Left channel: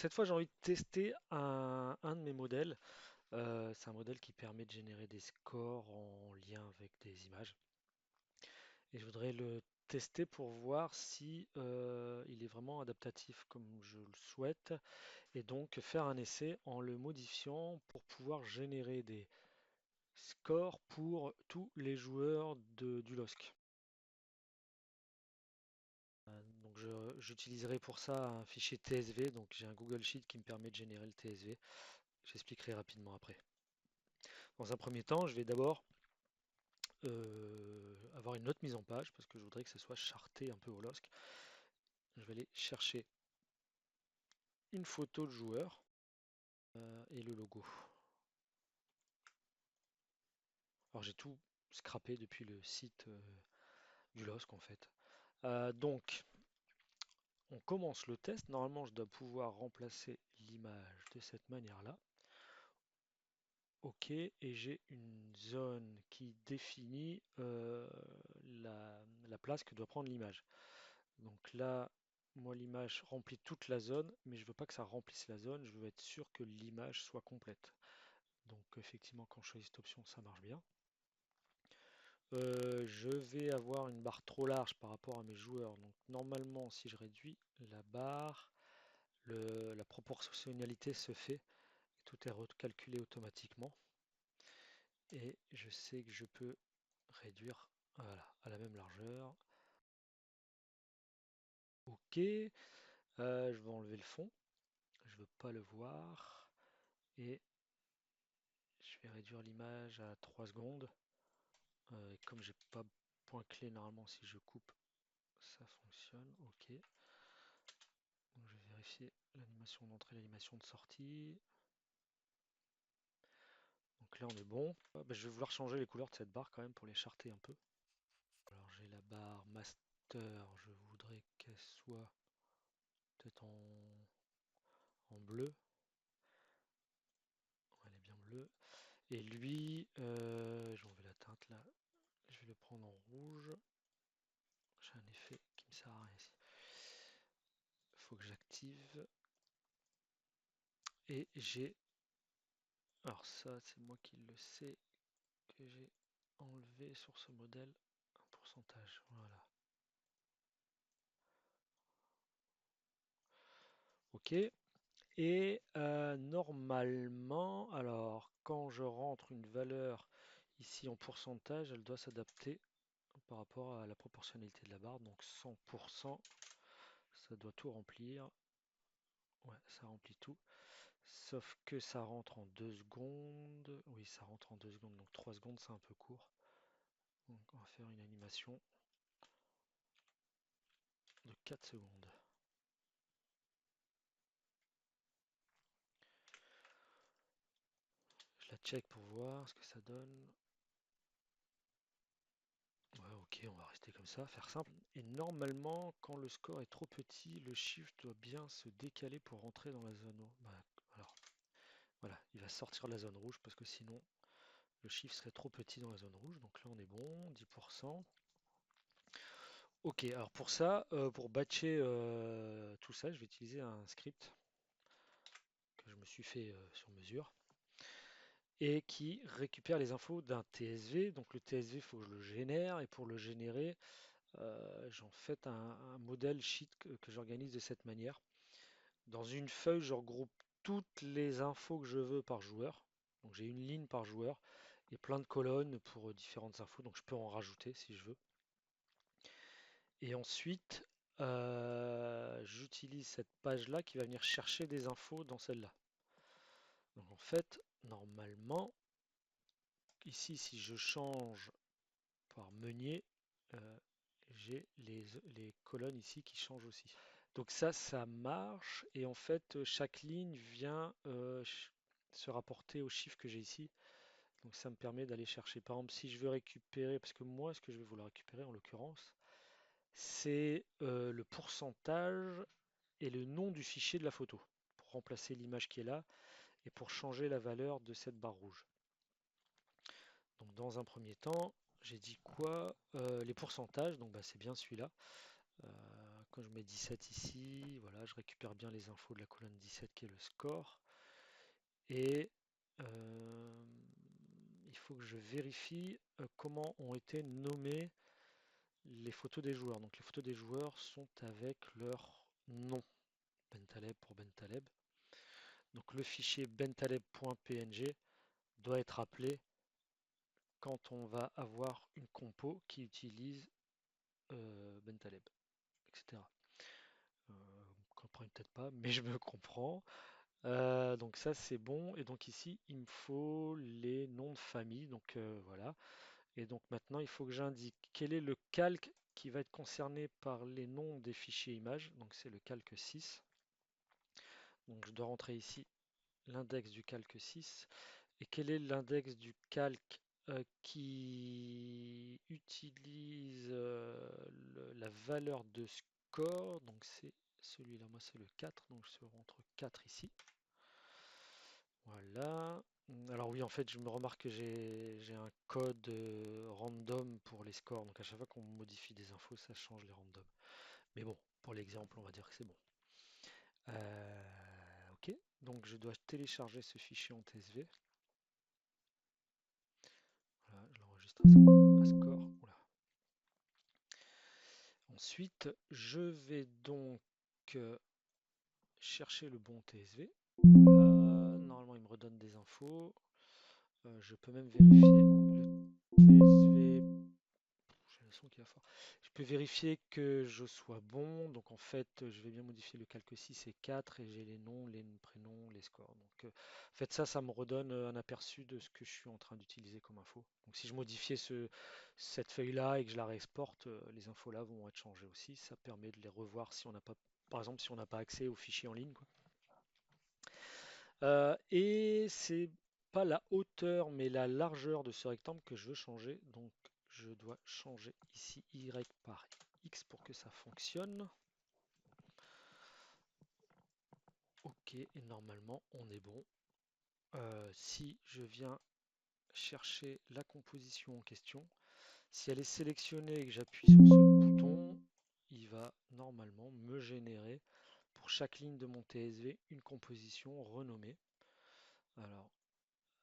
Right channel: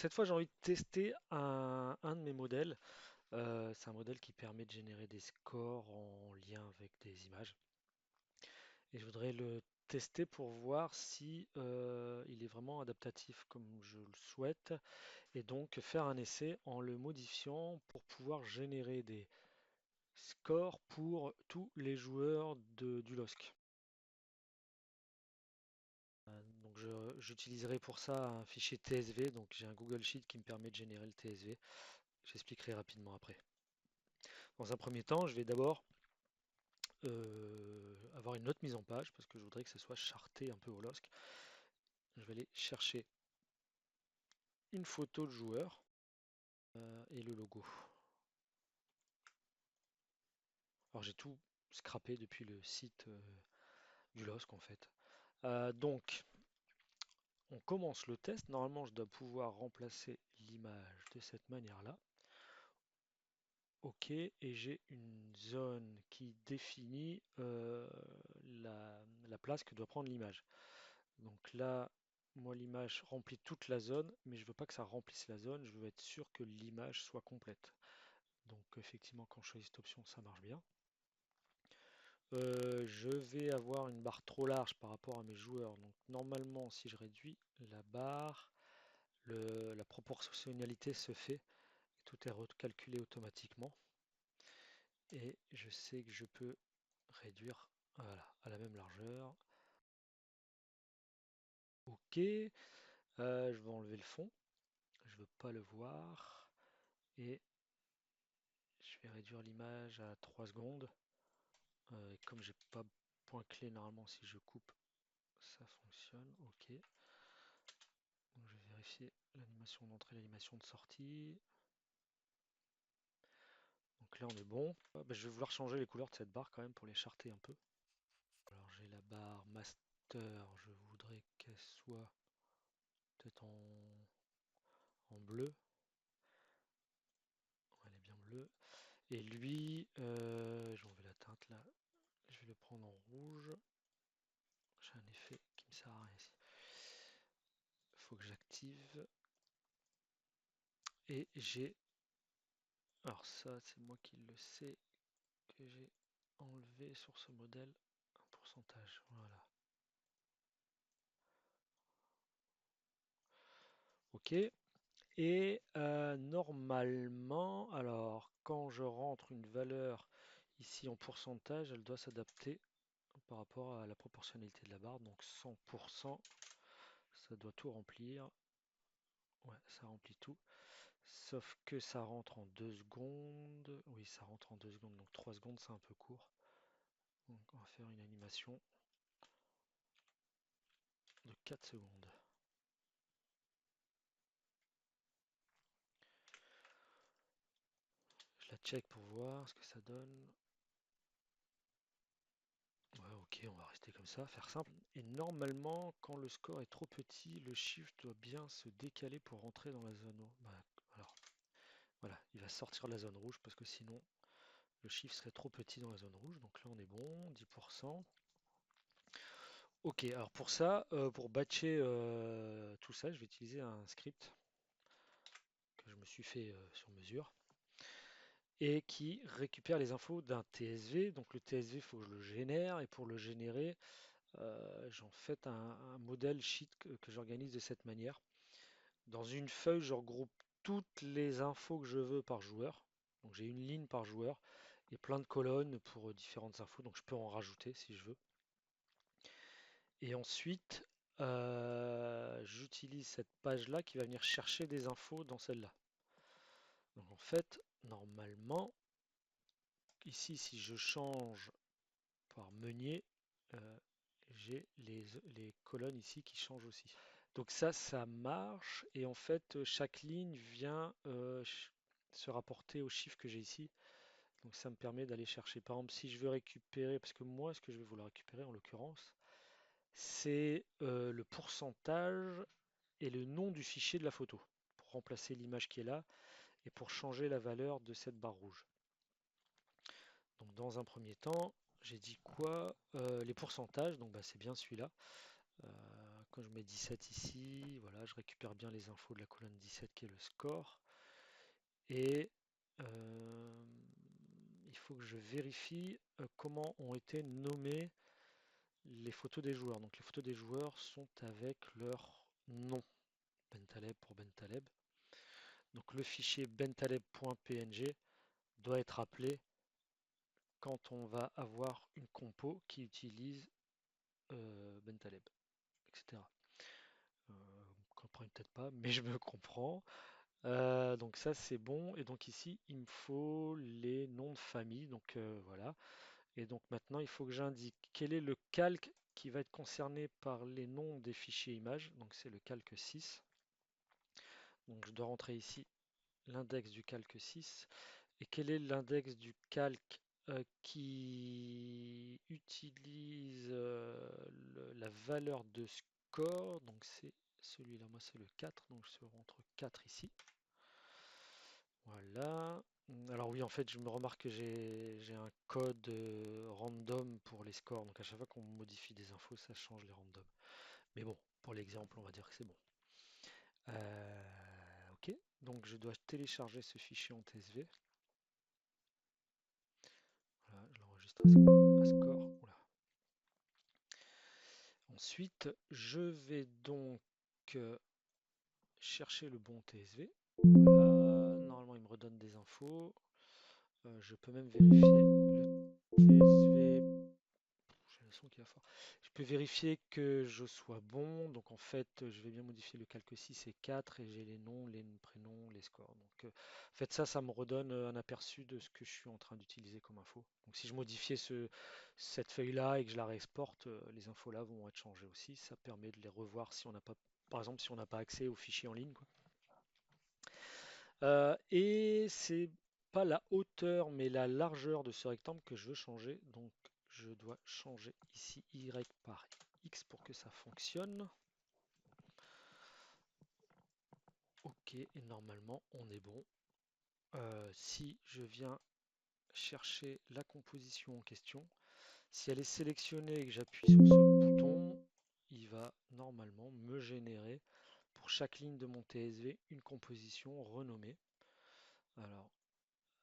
Cette fois, j'ai envie de tester un de mes modèles. C'est un modèle qui permet de générer des scores en lien avec des images. Et je voudrais le tester pour voir si il est vraiment adaptatif comme je le souhaite. Et donc faire un essai en le modifiant pour pouvoir générer des scores pour tous les joueurs du LOSC. Donc j'utiliserai pour ça un fichier TSV. Donc j'ai un Google Sheet qui me permet de générer le TSV. J'expliquerai rapidement après. Dans un premier temps, je vais d'abord avoir une autre mise en page parce que je voudrais que ça soit charté un peu au LOSC. Je vais aller chercher une photo de joueur et le logo. Alors j'ai tout scrappé depuis le site du LOSC en fait. Donc on commence le test. Normalement je dois pouvoir remplacer l'image de cette manière-là. OK, et j'ai une zone qui définit la place que doit prendre l'image. Donc là, moi, l'image remplit toute la zone, mais je veux pas que ça remplisse la zone, je veux être sûr que l'image soit complète. Donc effectivement, quand je choisis cette option, ça marche bien. Je vais avoir une barre trop large par rapport à mes joueurs. Donc normalement, si je réduis la barre, la proportionnalité se fait et tout est recalculé automatiquement. Et je sais que je peux réduire voilà, à la même largeur. OK. Je vais enlever le fond. Je veux pas le voir. Et je vais réduire l'image à 3 secondes. Et comme j'ai pas point clé, normalement, si je coupe, ça fonctionne. OK. Donc, je vais vérifier l'animation d'entrée, l'animation de sortie. Donc là, on est bon. Ah, bah, je vais vouloir changer les couleurs de cette barre quand même pour les charter un peu. Alors, j'ai la barre master. Je voudrais qu'elle soit peut-être en bleu. Elle est bien bleue. Et lui, je vais enlever la teinte là. Je vais le prendre en rouge. J'ai un effet qui me sert à rien ici. Il faut que j'active. Et j'ai. Alors ça, c'est moi qui le sais que j'ai enlevé sur ce modèle un pourcentage. Voilà. OK. Et normalement, alors quand je rentre une valeur ici en pourcentage, elle doit s'adapter par rapport à la proportionnalité de la barre. Donc 100%, ça doit tout remplir. Ouais, ça remplit tout. Sauf que ça rentre en 2 secondes. Oui, ça rentre en 2 secondes. Donc 3 secondes, c'est un peu court. Donc on va faire une animation de 4 secondes. Je la check pour voir ce que ça donne. Ouais, ok, on va rester comme ça, faire simple. Et normalement, quand le score est trop petit, le chiffre doit bien se décaler pour rentrer dans la zone. Alors, voilà, il va sortir de la zone rouge parce que sinon, le chiffre serait trop petit dans la zone rouge. Donc là, on est bon, 10%. Ok, alors pour ça, pour batcher tout ça, je vais utiliser un script que je me suis fait sur mesure et qui récupère les infos d'un TSV. Donc le TSV, il faut que je le génère et pour le générer, j'en fais un modèle sheet que j'organise de cette manière. Dans une feuille, je regroupe toutes les infos que je veux par joueur. Donc j'ai une ligne par joueur et plein de colonnes pour différentes infos. Donc je peux en rajouter si je veux. Et ensuite, j'utilise cette page-là qui va venir chercher des infos dans celle-là. Donc en fait, normalement, ici, si je change par meunier, euh, j'ai les colonnes ici qui changent aussi. Donc ça marche. Et en fait, chaque ligne vient se rapporter au chiffre que j'ai ici. Donc ça me permet d'aller chercher. Par exemple, si je veux récupérer, parce que moi, ce que je vais vouloir récupérer en l'occurrence, c'est le pourcentage et le nom du fichier de la photo pour remplacer l'image qui est là et pour changer la valeur de cette barre rouge. Donc dans un premier temps, j'ai dit quoi? Les pourcentages, donc bah, c'est bien celui-là. quand je mets 17 ici, voilà, je récupère bien les infos de la colonne 17 qui est le score. Et euh, il faut que je vérifie comment ont été nommées les photos des joueurs. Donc les photos des joueurs sont avec leur nom. Bentaleb pour Bentaleb. Donc le fichier bentaleb.png doit être appelé quand on va avoir une compo qui utilise Bentaleb, etc. Vous ne comprenez peut-être pas, mais je me comprends. Donc ça c'est bon. Et donc ici il me faut les noms de famille. Donc voilà. Et donc maintenant il faut que j'indique quel est le calque qui va être concerné par les noms des fichiers images. Donc c'est le calque 6. Donc je dois rentrer ici l'index du calque 6. Et quel est l'index du calque qui utilise la valeur de score? Donc c'est celui-là, moi c'est le 4, donc je rentre 4 ici. Voilà. Alors oui, en fait, je me remarque que j'ai un code random pour les scores. Donc à chaque fois qu'on modifie des infos, ça change les randoms. Mais bon, pour l'exemple, on va dire que c'est bon. Ok, donc je dois télécharger ce fichier en TSV. Voilà, je l'enregistre à score. Oula. Ensuite, je vais donc chercher le bon TSV. Voilà, normalement il me redonne des infos. Je peux même vérifier le TSV. J'ai le son qui va fort. Je peux vérifier que je sois bon. Donc en fait, je vais bien modifier le calque 6 et 4 et j'ai les noms, les prénoms, les scores. Donc en fait ça me redonne un aperçu de ce que je suis en train d'utiliser comme info. Donc si je modifiais cette feuille-là et que je la réexporte, les infos là vont être changées aussi. Ça permet de les revoir si on n'a pas, par exemple, si on n'a pas accès aux fichiers en ligne, quoi. Et c'est pas la hauteur mais la largeur de ce rectangle que je veux changer. Donc je dois changer ici Y par X pour que ça fonctionne. Ok, et normalement on est bon. Si je viens chercher la composition en question, si elle est sélectionnée et que j'appuie sur ce bouton, il va normalement me générer pour chaque ligne de mon TSV une composition renommée. Alors,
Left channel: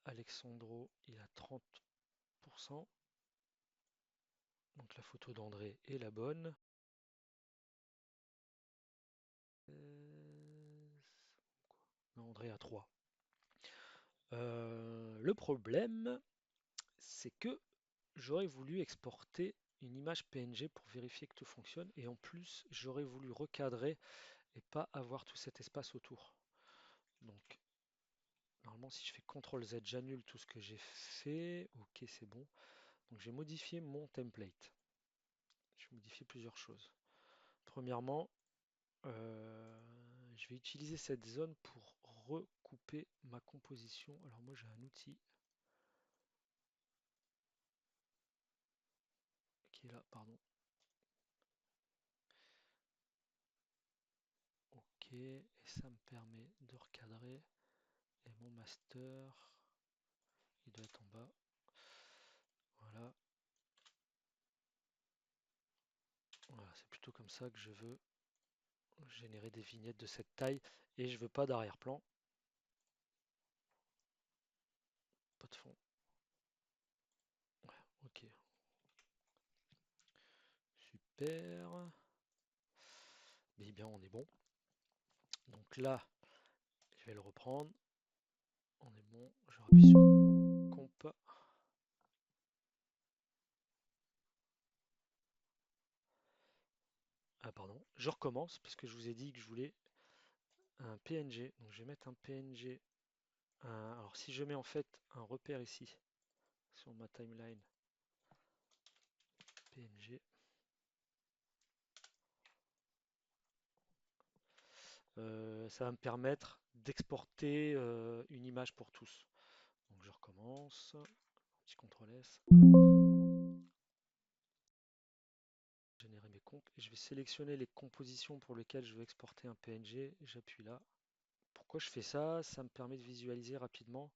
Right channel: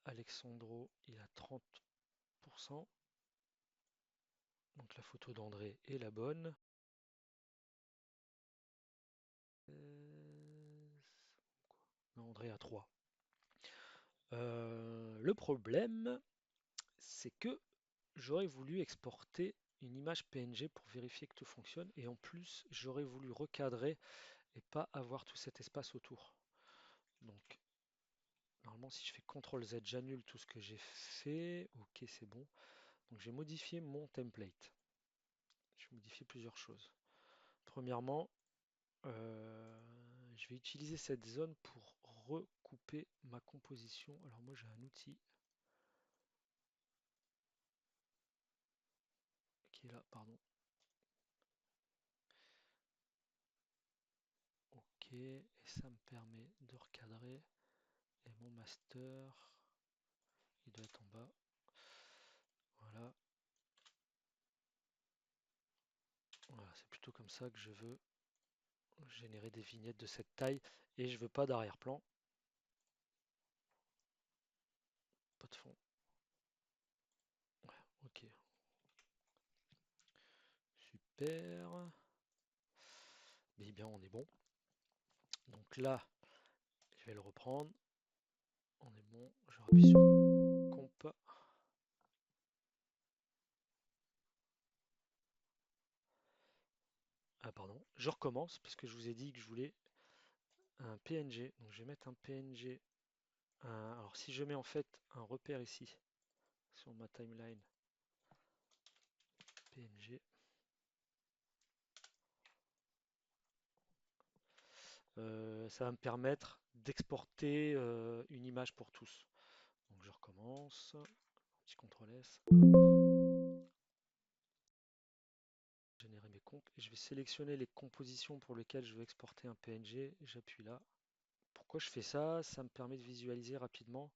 Alexandro, il a 30%. Donc la photo d'André est la bonne. Non, André a 3. Le problème, c'est que j'aurais voulu exporter une image PNG pour vérifier que tout fonctionne. Et en plus, j'aurais voulu recadrer et pas avoir tout cet espace autour. Donc, normalement, si je fais CTRL-Z, j'annule tout ce que j'ai fait. Ok, c'est bon. Donc, j'ai modifié mon template. Je vais modifier plusieurs choses. Premièrement, je vais utiliser cette zone pour recouper ma composition. Alors moi j'ai un outil qui est là, pardon. Ok, et ça me permet de recadrer. Et mon master, il doit être en bas. Voilà. Voilà, c'est plutôt comme ça que je veux générer des vignettes de cette taille. Et je veux pas d'arrière-plan. Pas de fond. Ouais, ok. Super. Mais bien, on est bon. Donc là, je vais le reprendre. On est bon. Je rappuie sur comp. Ah pardon. Je recommence parce que je vous ai dit que je voulais un PNG. Donc je vais mettre un PNG. Alors si je mets en fait un repère ici sur ma timeline PNG, ça va me permettre d'exporter une image pour tous. Donc je recommence. Petit CTRL S. Générer mes comps. Et je vais sélectionner les compositions pour lesquelles je veux exporter un PNG. J'appuie là. Pourquoi je fais ça? Ça me permet de visualiser rapidement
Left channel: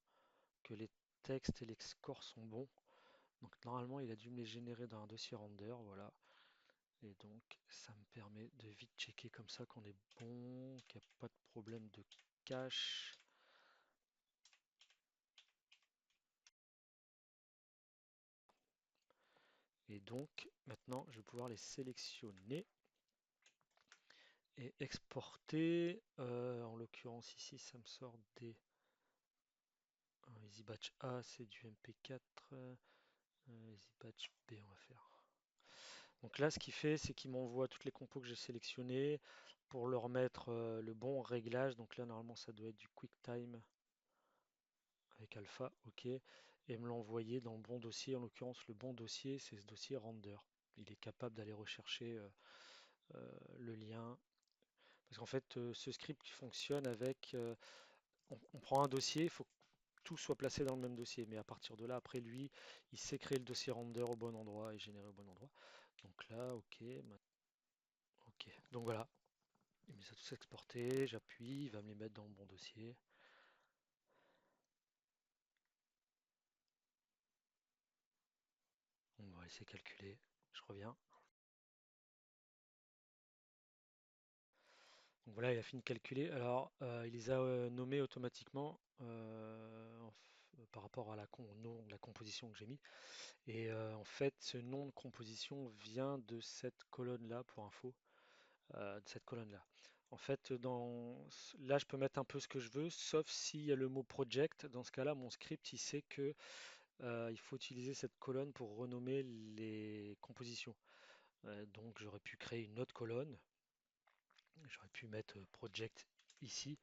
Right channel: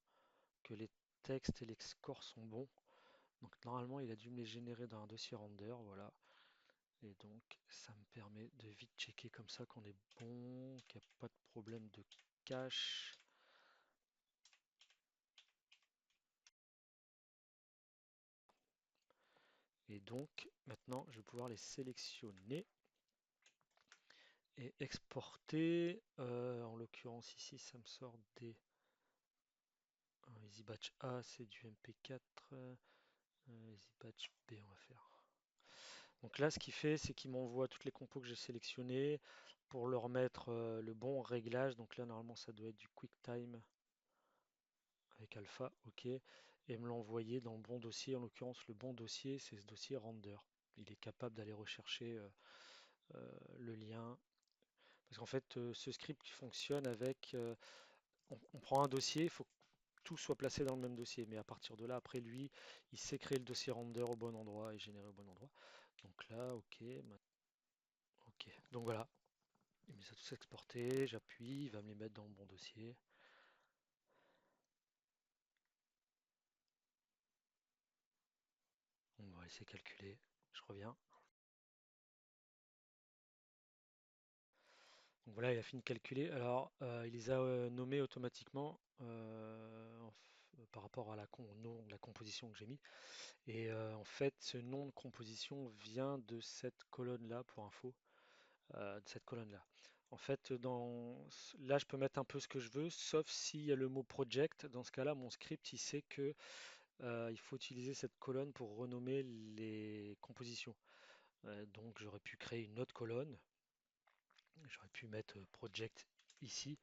que les textes et les scores sont bons. Donc normalement il a dû me les générer dans un dossier render, voilà. Et donc, ça me permet de vite checker comme ça qu'on est bon, qu'il n'y a pas de problème de cache. Et donc, maintenant, je vais pouvoir les sélectionner et exporter. En l'occurrence, ici, ça me sort des EasyBatch A, c'est du MP4. EasyBatch B, on va faire. Donc là, ce qu'il fait, c'est qu'il m'envoie toutes les compos que j'ai sélectionnées pour leur mettre le bon réglage. Donc là, normalement, ça doit être du QuickTime avec alpha, ok. Et me l'envoyer dans le bon dossier. En l'occurrence, le bon dossier, c'est ce dossier render. Il est capable d'aller rechercher le lien. Parce qu'en fait, ce script fonctionne avec... on prend un dossier, il faut que tout soit placé dans le même dossier. Mais à partir de là, après lui, il sait créer le dossier render au bon endroit et générer au bon endroit. Donc là, ok. Ok. Donc voilà, il me les a tous exportés, j'appuie, il va me les mettre dans le bon dossier. On va essayer de calculer. Je reviens. Donc voilà, il a fini de calculer. Alors, il les a nommés automatiquement par rapport à au nom de la composition que j'ai mis. Et en fait, ce nom de composition vient de cette colonne-là, pour info, de cette colonne-là. En fait, là, je peux mettre un peu ce que je veux, sauf s'il y a le mot project. Dans ce cas-là, mon script, il sait que il faut utiliser cette colonne pour renommer les compositions. Donc j'aurais pu créer une autre colonne, j'aurais pu mettre project ici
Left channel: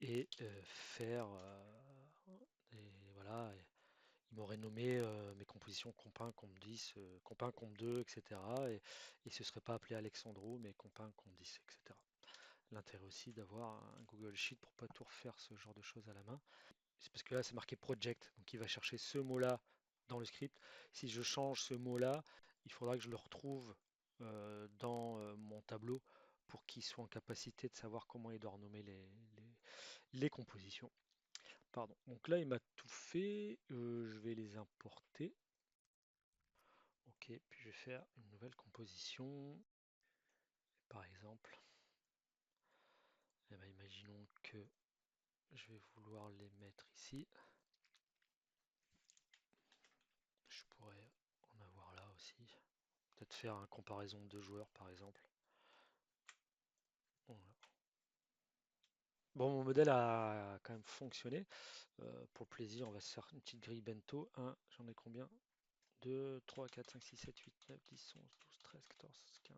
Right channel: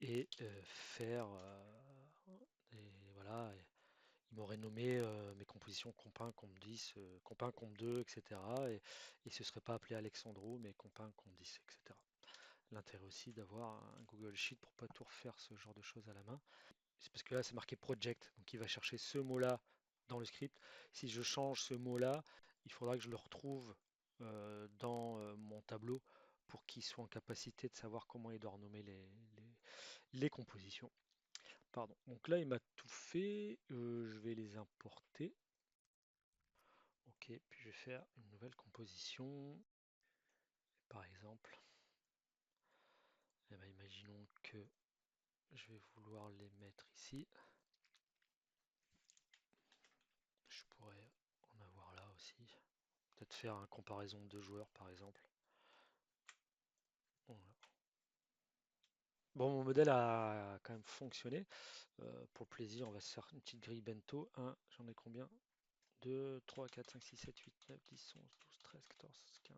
et faire et voilà, il m'aurait nommé mes compositions comp 1, comp 10, comp 1, comp 2, etc. Et il ne se serait pas appelé Alexandro, mais comp 1, comp 10, etc. L'intérêt aussi d'avoir un Google Sheet pour pas tout refaire ce genre de choses à la main. C'est parce que là, c'est marqué project, donc il va chercher ce mot-là dans le script. Si je change ce mot-là, il faudra que je le retrouve dans mon tableau pour qu'il soit en capacité de savoir comment il doit renommer les compositions. Pardon. Donc là, il m'a tout fait. Je vais les importer. Ok, puis je vais faire une nouvelle composition. Par exemple, eh ben, imaginons que je vais vouloir les mettre ici. Je pourrais en avoir là aussi. Peut-être faire une comparaison de deux joueurs par exemple. Voilà. Bon, mon modèle a quand même fonctionné. Pour le plaisir, on va se faire une petite grille bento. J'en ai combien? 2, 3, 4, 5, 6, 7, 8, 9, 10, 11, 12, 13, 14, 15.